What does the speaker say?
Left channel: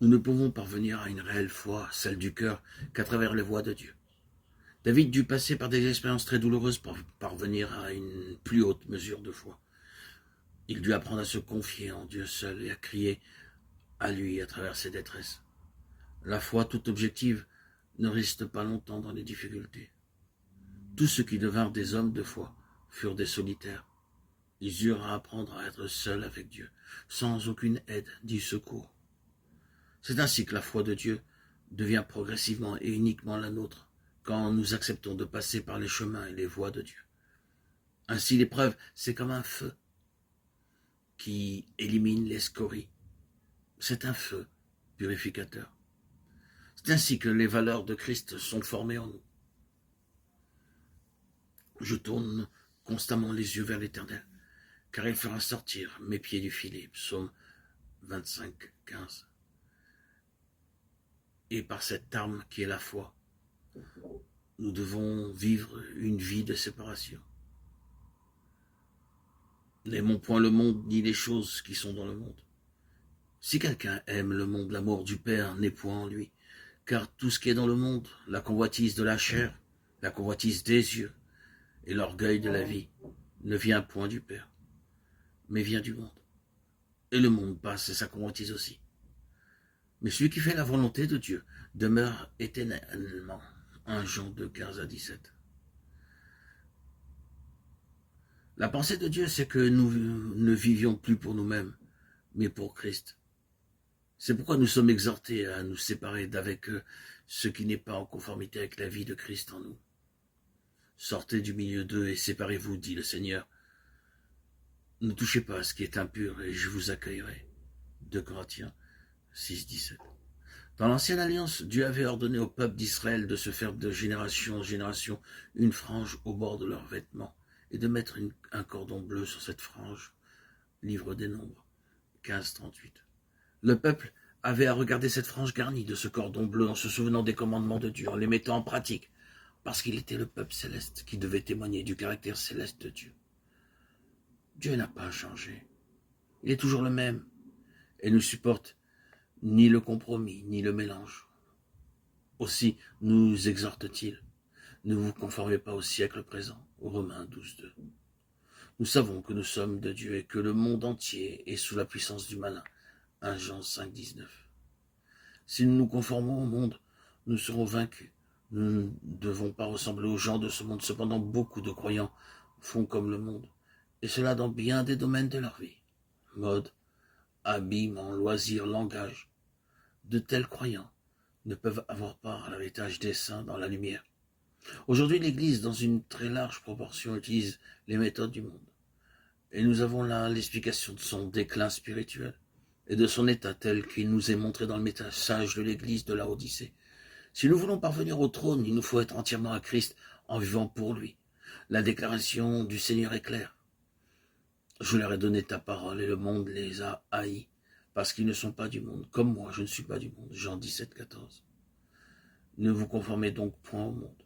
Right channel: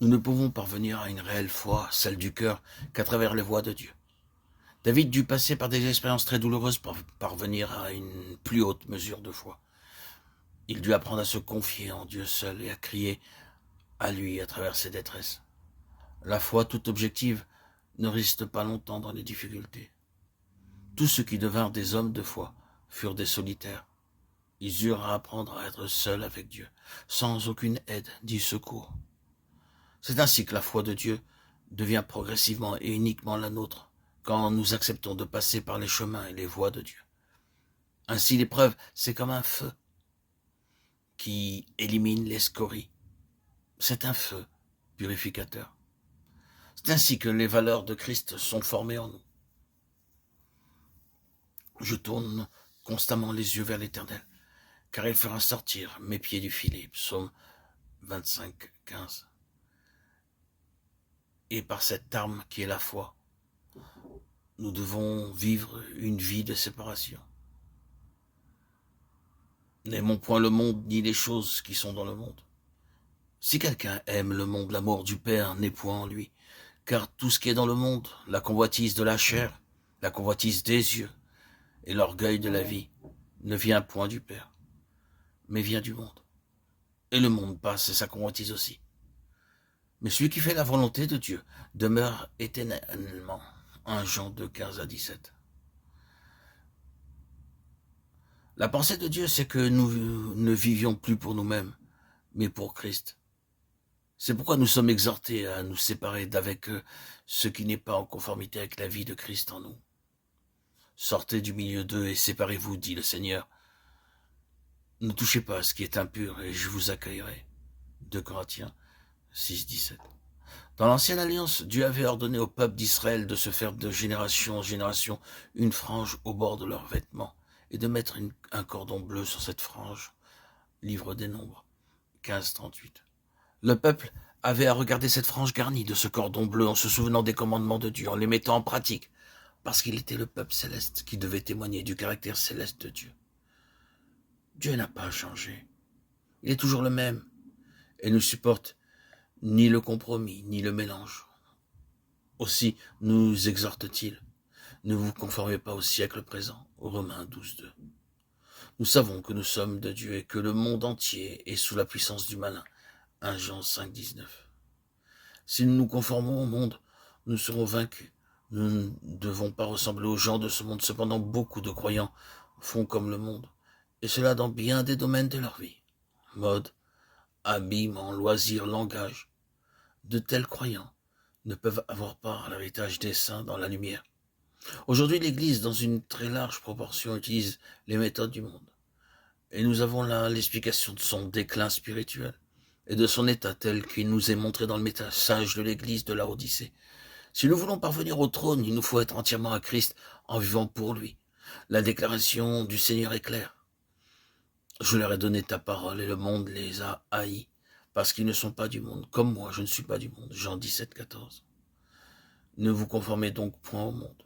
Nous ne pouvons parvenir à une réelle foi, celle du cœur, qu'à travers les voies de Dieu. David dut passer par des expériences très douloureuses pour parvenir à une plus haute mesure de foi. Il dut apprendre à se confier en Dieu seul et à crier à lui à travers ses détresses. La foi toute objective ne reste pas longtemps dans les difficultés. Tous ceux qui devinrent des hommes de foi furent des solitaires. Ils eurent à apprendre à être seuls avec Dieu, sans aucune aide ni secours. C'est ainsi que la foi de Dieu devient progressivement et uniquement la nôtre, quand nous acceptons de passer par les chemins et les voies de Dieu. Ainsi l'épreuve, c'est comme un feu qui élimine les scories. C'est un feu purificateur. C'est ainsi que les valeurs de Christ sont formées en nous. Je tourne constamment les yeux vers l'Éternel, car il fera sortir mes pieds du filet. Psaume 25, 15. Et par cette arme qui est la foi, nous devons vivre une vie de séparation. N'aimons point le monde ni les choses qui sont dans le monde. Si quelqu'un aime le monde, l'amour du Père n'est point en lui, car tout ce qui est dans le monde, la convoitise de la chair, la convoitise des yeux et l'orgueil de la vie, ne vient point du Père, mais vient du monde. Et le monde passe et sa convoitise aussi. Mais celui qui fait la volonté de Dieu demeure éternellement. 1 Jean 2, 15 à 17. La pensée de Dieu, c'est que nous ne vivions plus pour nous-mêmes, mais pour Christ. C'est pourquoi nous sommes exhortés à nous séparer d'avec ce qui n'est pas en conformité avec la vie de Christ en nous. Sortez du milieu d'eux et séparez-vous, dit le Seigneur. Ne touchez pas à ce qui est impur et je vous accueillerai. 2 Corinthiens 6, 17. Dans l'ancienne alliance, Dieu avait ordonné au peuple d'Israël de se faire de génération en génération une frange au bord de leurs vêtements et de mettre un cordon bleu sur cette frange. Livre des Nombres 15, 38. Le peuple avait à regarder cette frange garnie de ce cordon bleu en se souvenant des commandements de Dieu, en les mettant en pratique, parce qu'il était le peuple céleste qui devait témoigner du caractère céleste de Dieu. Dieu n'a pas changé. Il est toujours le même et ne supporte ni le compromis, ni le mélange. Aussi nous exhorte-t-il, ne vous conformez pas au siècle présent, Romains 12, 2. Nous savons que nous sommes de Dieu et que le monde entier est sous la puissance du malin, 1 Jean 5, 19. Si nous nous conformons au monde, nous serons vaincus. Nous ne devons pas ressembler aux gens de ce monde. Cependant, beaucoup de croyants font comme le monde, et cela dans bien des domaines de leur vie. Mode, habillement, loisirs, langage. De tels croyants ne peuvent avoir part à l'héritage des saints dans la lumière. Aujourd'hui, l'Église, dans une très large proportion, utilise les méthodes du monde. Et nous avons là l'explication de son déclin spirituel et de son état tel qu'il nous est montré dans le message de l'Église de la Odyssée. Si nous voulons parvenir au trône, il nous faut être entièrement à Christ en vivant pour lui. La déclaration du Seigneur est claire. Je leur ai donné ta parole et le monde les a haïs, parce qu'ils ne sont pas du monde, comme moi je ne suis pas du monde. Jean 17, 14. Ne vous conformez donc point au monde,